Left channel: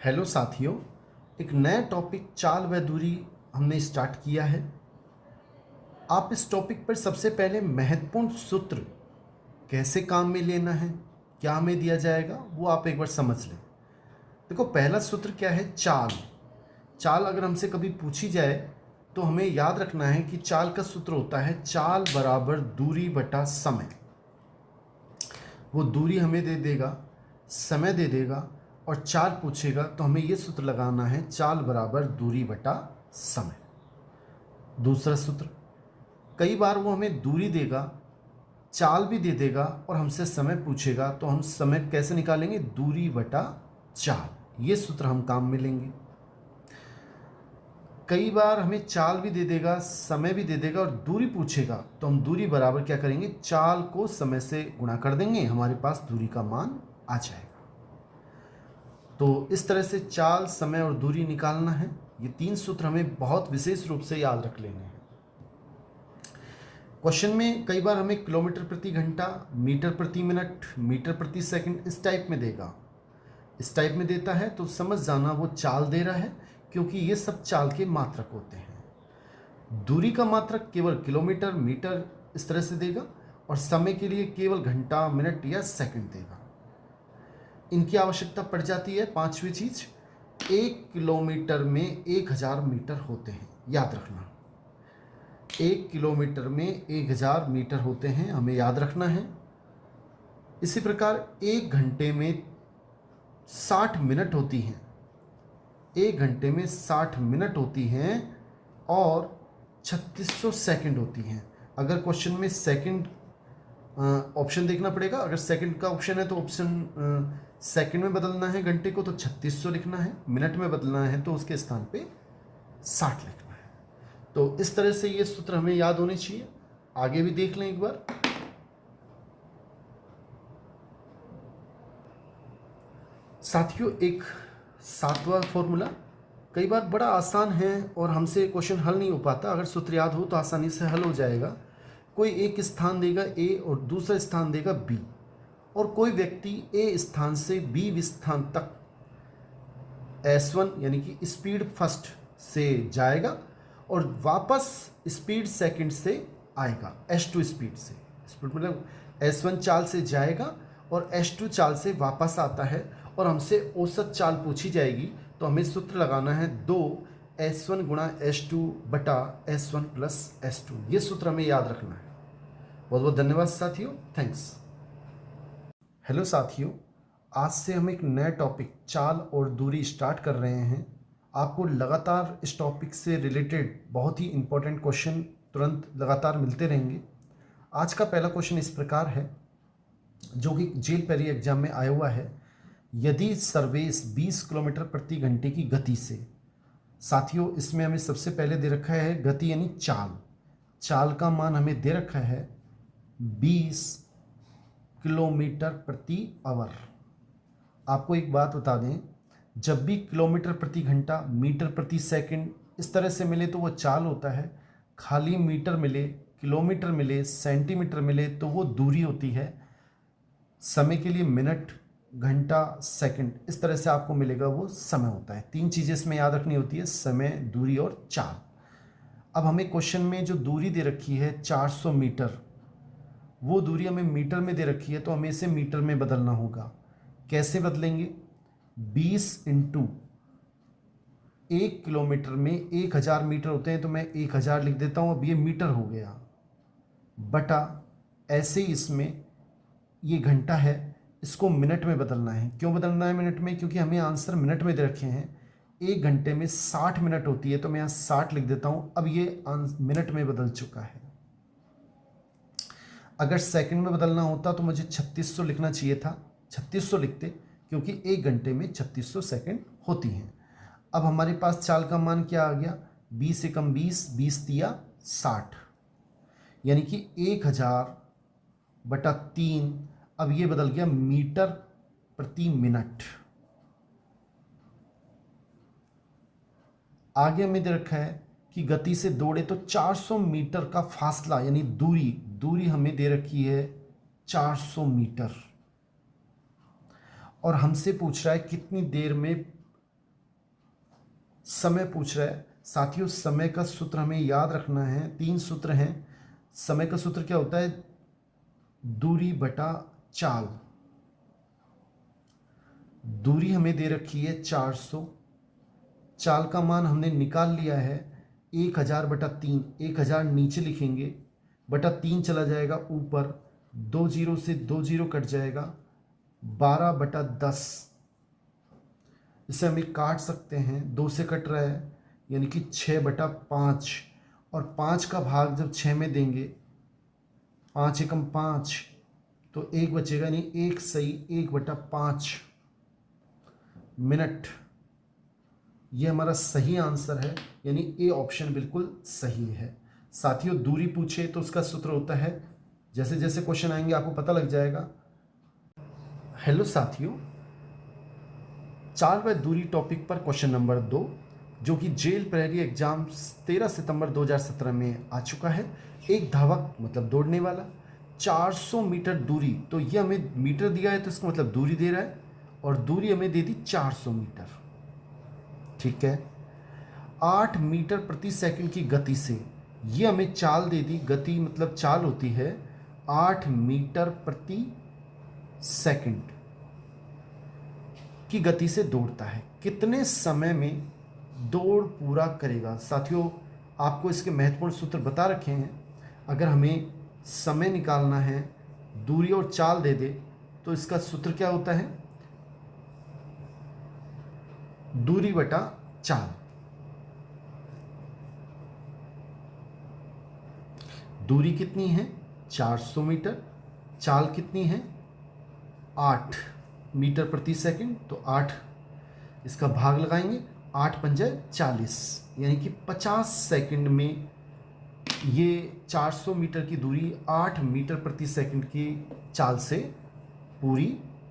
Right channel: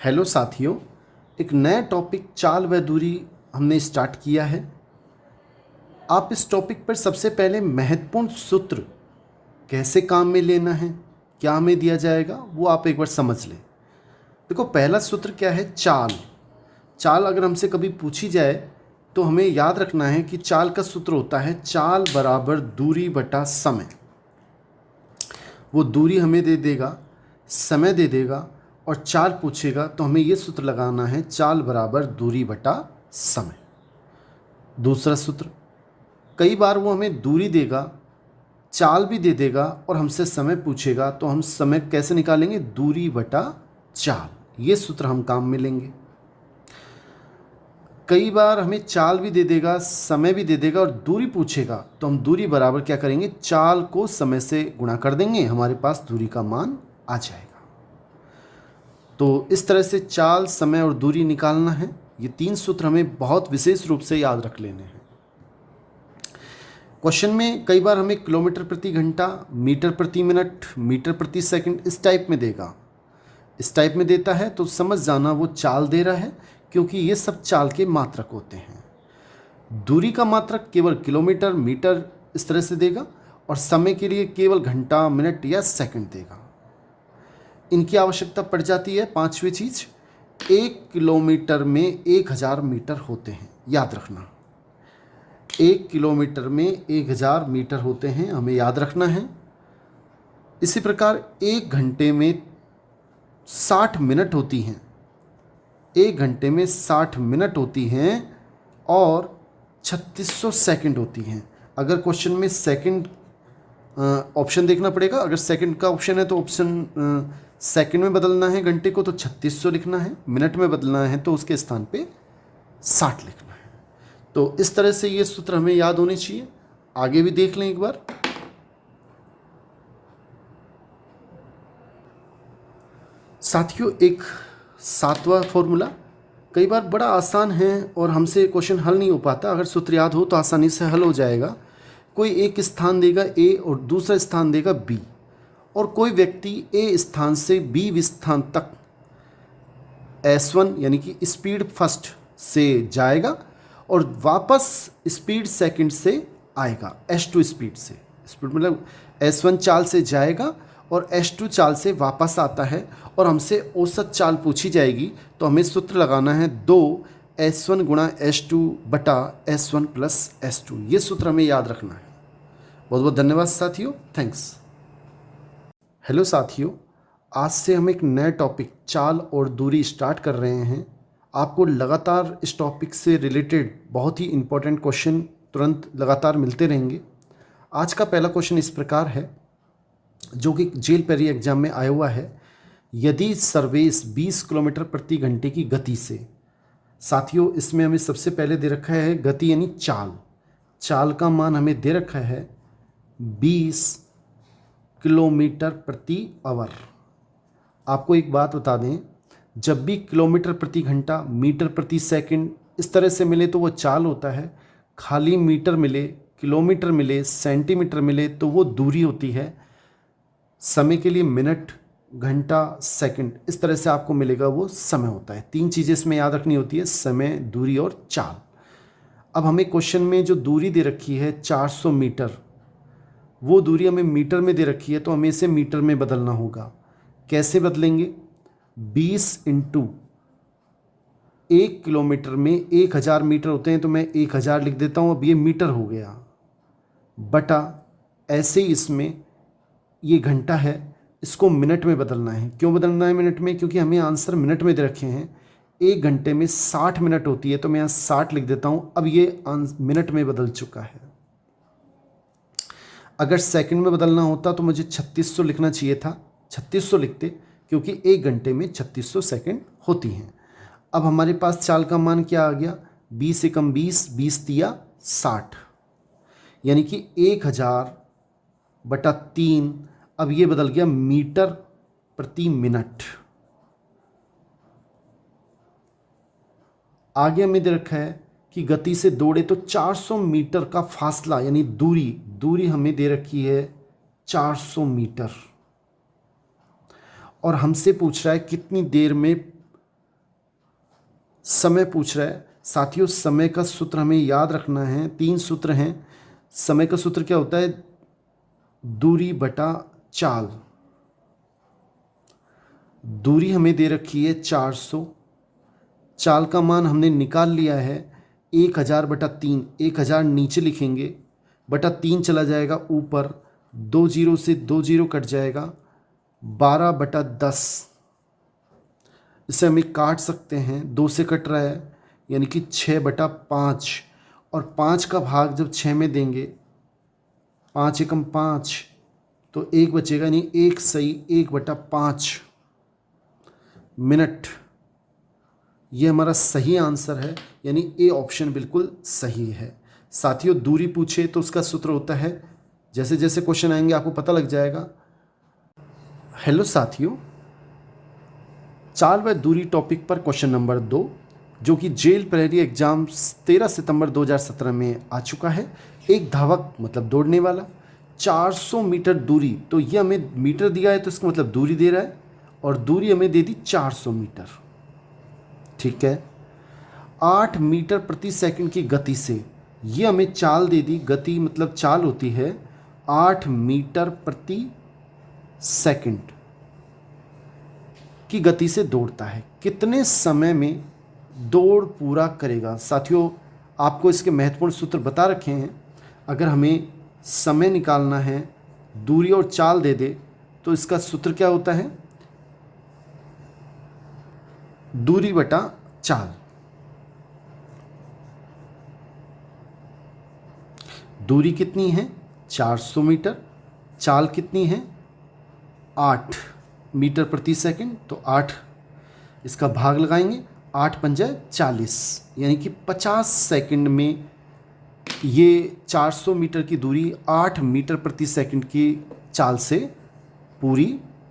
Hello साथियों, एक नया टॉपिक चाल व दूरी हमने स्टार्ट किया है। आप इस टॉपिक पर सबसे पहले महत्वपूर्ण सूत्र कैसे काम में लेना है, क्या हमें दिया जाएगा, वो आप एक बार समझ लें। देखो, पहला सूत्र क्या है? चाल। चाल अगर हमसे कभी पूछी जाए तो हमें याद रखना है कि चाल का सूत्र होता है चाल बराबर दूरी बटा समय। वो दूरी हमें दे देगा, समय दे देगा और चाल पूछेगा तो हमें ये सूत्र लगाना है चाल बराबर दूरी बटा समय। दूसरा सूत्र, कई बार वो हमें दूरी देगा, चाल भी दे देगा और हमसे समय पूछेगा तो हम समय कैसे निकालेंगे? दूरी बटा चाल। ये सूत्र हम काम में लेंगे। कई बार हमें चाल भी दे देगा, समय भी दे देगा और दूरी पूछेगा तो हम दूरी बराबर क्या करेंगे? चाल को समय से गुणा कर देंगे, हमारे पास दूरी का मान आ जाएगा। तो इस तरह से चाल, समय और दूरी निकालना है। ये तीन सूत्र हमें बहुत विशेष रूप से याद रख लेने हैं। क्वेश्चन में कई बार हमें किलोमीटर प्रति घंटा, मीटर प्रति मिनट, मीटर प्रति सेकंड इस टाइप में देगा। इस टाइप में देता है तो समझ जाना वो चाल दे रहा है, क्योंकि ये सब चाल के मात्रक होते हैं। दूरी का मात्रक केवल किलोमीटर, मीटर इस तरह से देगा और समय के लिए केवल घंटा, मिनट या सेकंड देगा। इनकी आवश्यकता पड़ जाती है। पांचवी चीज, 1 किलोमीटर में 1000 मीटर होते हैं, याद रखना। 1 किलोमीटर में 1000 मीटर होते हैं, हमें याद रखना है। इसी प्रकार 1 घंटे में 60 मिनट होती हैं। 1 घंटे में 60 मिनट होती हैं और 3600 सेकंड होती हैं। अगर क्वेश्चन में सेकंड ऑप्शन देखना पड़ेगा। अगर सेकंड का ऑप्शन है तो ऑप्शन सेकंड में बदलना है घंटे को तो 3600 लिखना है, मिनट में बदलना है तो उसके स्थान पे 60 लिखना है। तो इस तरह से ये सूत्र हमें याद होने चाहिए। आगे भी देख लें एक बार। साथियों, एक सातवां फॉर्मूला कई बार बड़ा आसान है और हमसे क्वेश्चन हल नहीं हो पाता। अगर सूत्र याद हो तो आसानी से हल हो जाएगा। कोई एक स्थान देगा ए और दूसरा स्थान देगा बी, और कोई व्यक्ति ए स्थान से बी स्थान तक S1 यानी कि स्पीड फर्स्ट से जाएगा और वापस स्पीड सेकंड से आएगा। S2 स्पीड से, स्पीड मतलब S1 चाल से जाएगा और S2 चाल से वापस आता है और हमसे औसत चाल पूछी जाएगी तो हमें सूत्र लगाना है 2S1 गुणा S2 बटा S1 प्लस S2। ये सूत्र हमें याद रखना है। बहुत बहुत धन्यवाद साथियों, थैंक्स। हेलो साथियों, आज से हम एक नया टॉपिक चाल और दूरी स्टार्ट कर रहे हैं। आपको लगातार इस टॉपिक से रिलेटेड बहुत ही इम्पोर्टेंट क्वेश्चन तुरंत लगातार मिलते रहेंगे। आज का पहला क्वेश्चन इस प्रकार है, जो कि जेल पेरी एग्जाम में आया हुआ है। यदि सर्वेश 20 किलोमीटर प्रति घंटे की गति से, साथियों इसमें हमें सबसे पहले दे रखा है गति यानी चाल। चाल का मान हमें दे रखा है 20 किलोमीटर प्रति आवर। आपको एक बात बता दें, जब भी किलोमीटर प्रति घंटा, मीटर प्रति सेकंड इस तरह से मिले तो वो चाल होता है। खाली मीटर मिले, किलोमीटर मिले, सेंटीमीटर मिले तो वो दूरी होती है। समय के लिए मिनट, घंटा, सेकंड इस तरह से आपको मिलेगा वो समय होता है। तीन चीज़ें इसमें याद रखनी होती है, समय, दूरी और चाल। अब हमें क्वेश्चन में जो दूरी दे रखी है 400 मीटर, वो दूरी हमें मीटर में दे रखी है तो हमें इसे मीटर में बदलना होगा। कैसे बदलेंगे? 20 इंटू 1 किलोमीटर में 1000 मीटर होते हैं तो मैं 1000 लिख देता हूँ, अब ये मीटर हो गया, बटा ऐसे ही इसमें ये घंटा है, इसको मिनट में बदलना है। क्यों बदलना है मिनट में? क्योंकि हमें आंसर मिनट में दे रखे हैं। 1 घंटे में 60 मिनट होती है तो मैं यहाँ 60 लिख देता हूँ, अब ये मिनट में बदल चुका है। अगर सेकंड में बदलना होता तो मुझे 3600 लिखना चाहिए था, 3600 लिखते, क्योंकि 1 घंटे में 3600 सेकंड होती हैं। अब हमारे पास चाल का मान क्या आ गया? 20 एकम 20, 20 तिया 60, यानी कि 1000 बटा 3। अब ये बदल गया मीटर प्रति मिनट। आगे हमें दे रखा है कि गति से दौड़े तो 400 मीटर का फासला यानी दूरी हमें दे रखी है 400 मीटर, और हमसे पूछ रहा है कितनी देर में समय पूछ रहा है साथियों। समय का सूत्र हमें याद रखना है, 3 सूत्र हैं। समय का सूत्र क्या होता है? दूरी बटा चाल। दूरी हमें दे रखी है 400, चाल का मान हमने निकाल लिया है 1000 बटा 3। 1000 नीचे लिखेंगे, बटा 3 चला जाएगा ऊपर, 2 जीरो से 2 जीरो कट जाएगा, 12 बटा 10। इसे हम काट सकते हैं, 2 से कट रहा है यानी कि 6 बटा 5। और 5 का भाग जब 6 में देंगे, 5 एकम 5, तो 1 बचेगा, यानी 1 सही 1 बटा 5 मिनट। ये हमारा सही आंसर है, यानी ए ऑप्शन बिल्कुल सही है। साथियों दूरी पूछे तो उसका सूत्र होता है, जैसे जैसे क्वेश्चन आएंगे आपको पता लग जाएगा। हेलो साथियों, चाल व दूरी टॉपिक पर क्वेश्चन नंबर 2, जो कि जेल प्रहरी एग्जाम 13 सितंबर 2017 में आ चुका है। एक धावक मतलब दौड़ने वाला 400 मीटर दूरी, तो ये हमें मीटर दिया है तो इसका मतलब दूरी दे रहा है, और दूरी हमें दे दी 400 मीटर। ठीक है, 8 मीटर प्रति सेकंड की गति से, ये हमें चाल दे दी। गति मतलब चाल होती है 8 मीटर प्रति सेकंड की गति से दौड़ता है। कितने समय में दौड़ पूरा करेगा? साथियों आपको इसके महत्वपूर्ण सूत्र बता रखे हैं। अगर हमें समय निकालना है, दूरी और चाल दे दे, तो इसका सूत्र क्या होता है? दूरी बटा चाल। दूरी कितनी है? 400 मीटर। चाल कितनी है? 8 मीटर प्रति सेकंड, तो 8 इसका भाग लगाएंगे, 8 पंजे 40, यानी कि 50 सेकंड में ये 400 मीटर की दूरी 8 मीटर प्रति सेकंड की चाल से पूरी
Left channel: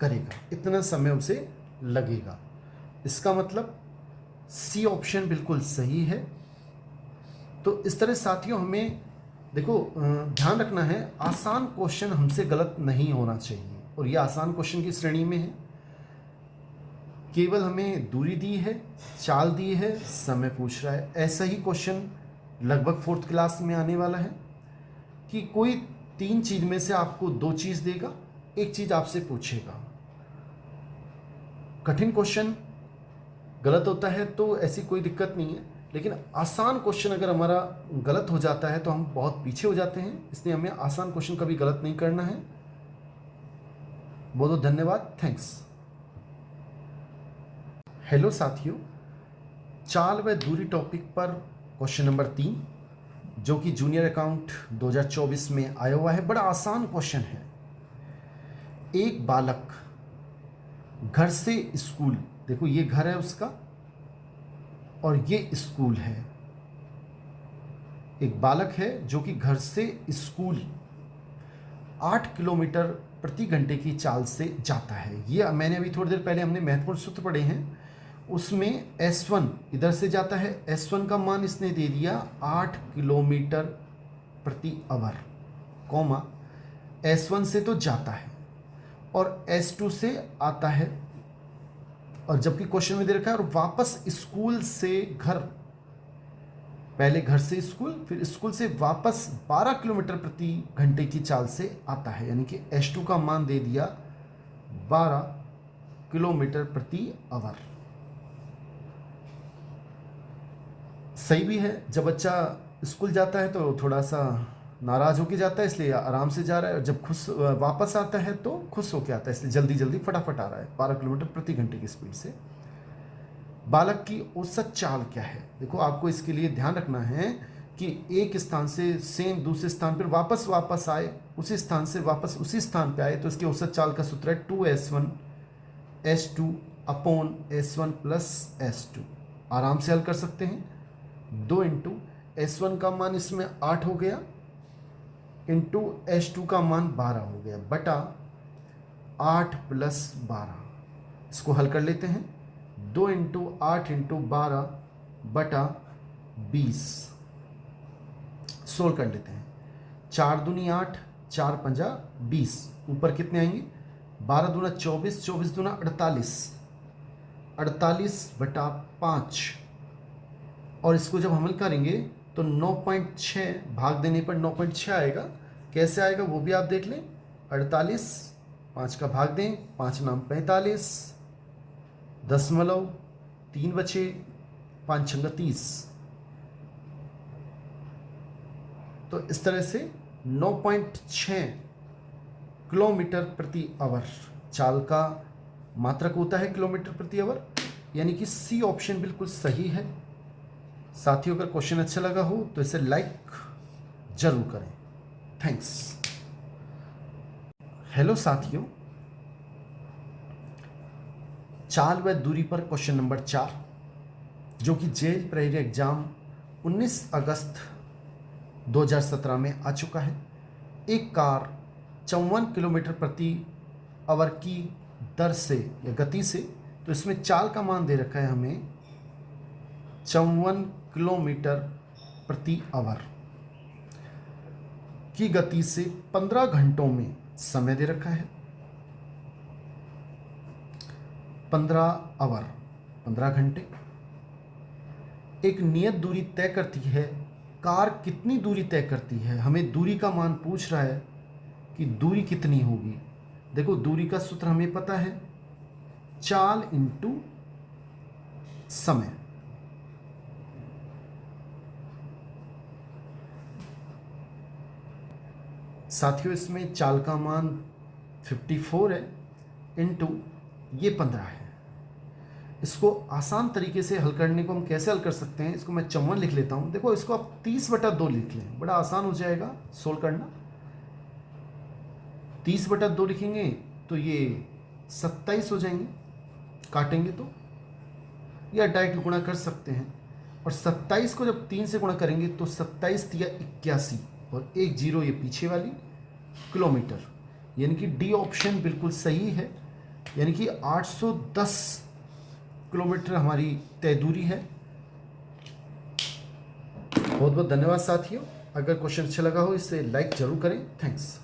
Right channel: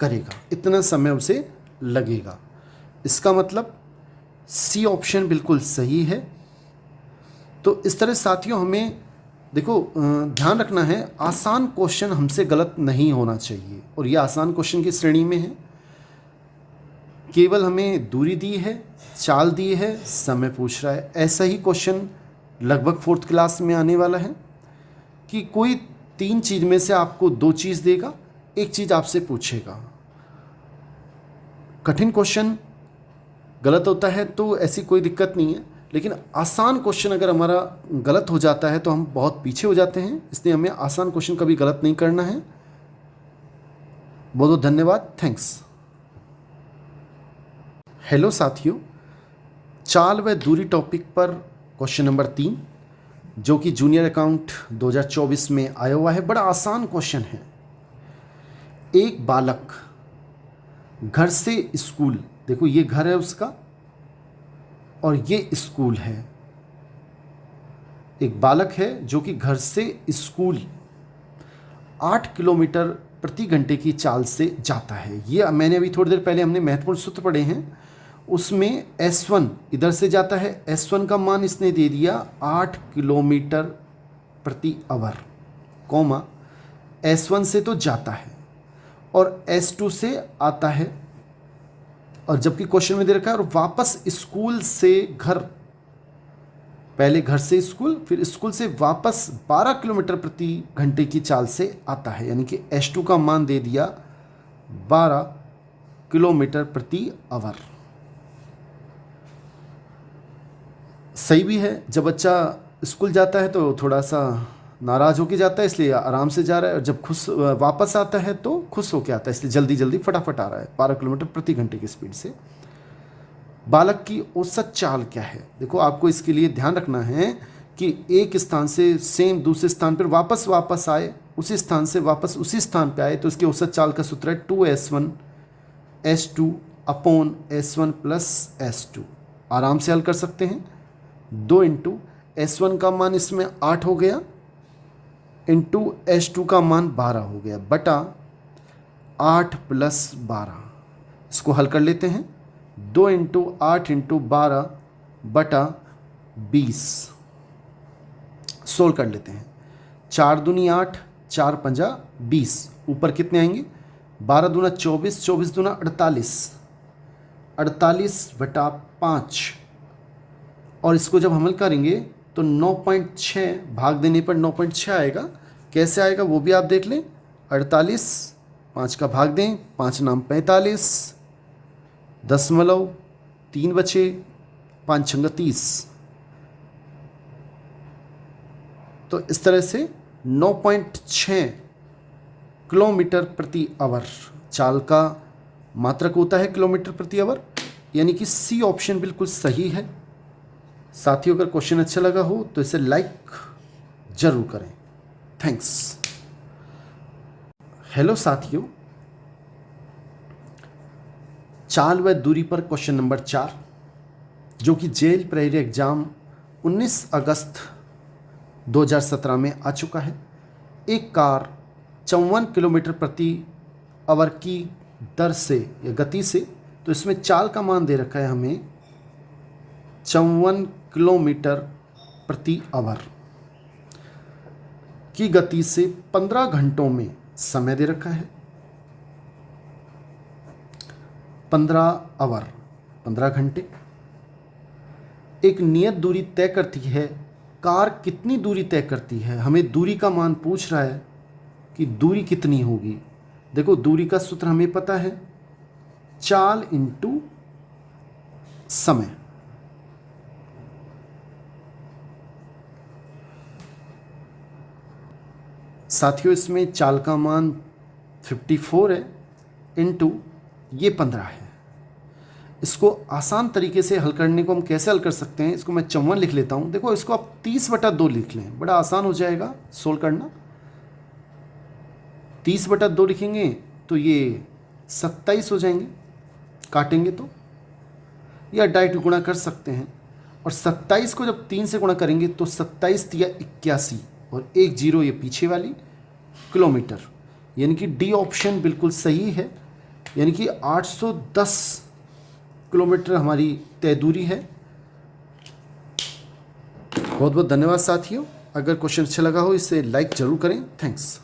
करेगा। इतना समय उसे लगेगा। इसका मतलब सी ऑप्शन बिल्कुल सही है। तो इस तरह साथियों हमें देखो ध्यान रखना है, आसान क्वेश्चन हमसे गलत नहीं होना चाहिए, और ये आसान क्वेश्चन की श्रेणी में है। केवल हमें दूरी दी है, चाल दी है, समय पूछ रहा है। ऐसा ही क्वेश्चन लगभग 4th क्लास में आने वाला है कि कोई 3 चीज़ में से आपको 2 चीज़ देगा, 1 चीज़ आपसे पूछेगा। कठिन क्वेश्चन गलत होता है तो ऐसी कोई दिक्कत नहीं है, लेकिन आसान क्वेश्चन अगर हमारा गलत हो जाता है तो हम बहुत पीछे हो जाते हैं। इसलिए हमें आसान क्वेश्चन कभी गलत नहीं करना है। बहुत बहुत धन्यवाद, थैंक्स। हेलो साथियों, चाल व दूरी टॉपिक पर क्वेश्चन नंबर 3, जो कि जूनियर अकाउंट 2024 में आया हुआ है। बड़ा आसान क्वेश्चन है। एक बालक घर से स्कूल, देखो ये घर है उसका और ये स्कूल है। एक बालक है जो कि घर से स्कूल 8 किलोमीटर प्रति घंटे की चाल से जाता है। ये मैंने अभी थोड़ी देर पहले हमने महत्वपूर्ण सूत्र पढ़े हैं, उसमें S1 इधर से जाता है। S1 का मान इसने दे दिया 8 किलोमीटर प्रति आवर, कॉमा S1 से तो जाता है और S2 से आता है, और जबकि क्वेश्चन में दे रखा है और वापस स्कूल से घर, पहले घर से स्कूल फिर स्कूल से वापस 12 किलोमीटर प्रति घंटे की चाल से आता है, यानी कि S2 का मान दे दिया 12 किलोमीटर प्रति आवर। सही भी है, जब बच्चा स्कूल जाता है तो थोड़ा सा नाराज़ होके जाता है, इसलिए आराम से जा रहा है, और जब खुश वापस आता है तो खुश होके आता है, इसलिए जल्दी जल्दी फटाफट आ रहा है 12 किलोमीटर प्रति घंटे की स्पीड से। बालक की औसत चाल क्या है? देखो आपको इसके लिए ध्यान रखना है कि एक स्थान से सेम दूसरे स्थान पर वापस आए, उसी स्थान से वापस उसी स्थान पर आए, तो इसकी औसत चाल का सूत्र है 2S1 S2 upon S1 plus S2। आराम से हल कर सकते हैं। 2 इंटू S1 का मान इसमें 8 हो गया, इंटू S2 का मान 12 हो गया, बटा 8 प्लस 12। इसको हल कर लेते हैं। 2 इंटू 8 इंटू 12 बटा 20 सोल्व कर लेते हैं। 4 दूनी 8, 4 पंजा 20, ऊपर कितने आएंगे? 12 दूना 24, 24 दूना 48, 48 बटा 5 और इसको जब हम हल करेंगे तो 9.6 भाग देने पर 9.6 आएगा। कैसे आएगा वो भी आप देख लें। 48, 5 का भाग दें, 5 नाम 45, 0.3 बचे, 5 छंगा 30। तो इस तरह से 9.6 किलोमीटर प्रति आवर चाल का मात्रक होता है किलोमीटर प्रति आवर, यानी कि सी ऑप्शन बिल्कुल सही है। साथियों अगर क्वेश्चन अच्छा लगा हो तो इसे लाइक जरूर करें। थैंक्स। हेलो साथियों, चाल व दूरी पर क्वेश्चन नंबर 4 जो कि जेल प्रेरी एग्जाम 19 अगस्त 2017 में आ चुका है। एक कार 54 किलोमीटर प्रति आवर की दर से या गति से, तो इसमें चाल का मान दे रखा है हमें 54 किलोमीटर प्रति आवर की गति से 15 घंटों में समय दे रखा है। 15 आवर 15 घंटे। एक नियत दूरी तय करती है। कार कितनी दूरी तय करती है, हमें दूरी का मान पूछ रहा है कि दूरी कितनी होगी। देखो दूरी का सूत्र हमें पता है, चाल इंटू समय। साथियों इसमें चाल का मान 54 है इंटू ये 15 है। इसको आसान तरीके से हल करने को हम कैसे हल कर सकते हैं, इसको मैं 54 लिख लेता हूँ। देखो इसको आप 30/2 लिख लें, बड़ा आसान हो जाएगा सोल्व करना। 30/2 लिखेंगे तो ये 27 हो जाएंगे, काटेंगे तो, या डायरेक्ट गुणा कर सकते हैं। और 27 को जब 3 से गुणा करेंगे तो 27 या 81 और 1 0 ये पीछे वाली किलोमीटर, यानी कि डी ऑप्शन बिल्कुल सही है। यानी कि 810 किलोमीटर हमारी तय दूरी है। बहुत बहुत धन्यवाद साथियों। अगर क्वेश्चन अच्छा लगा हो इसे लाइक जरूर करें। थैंक्स।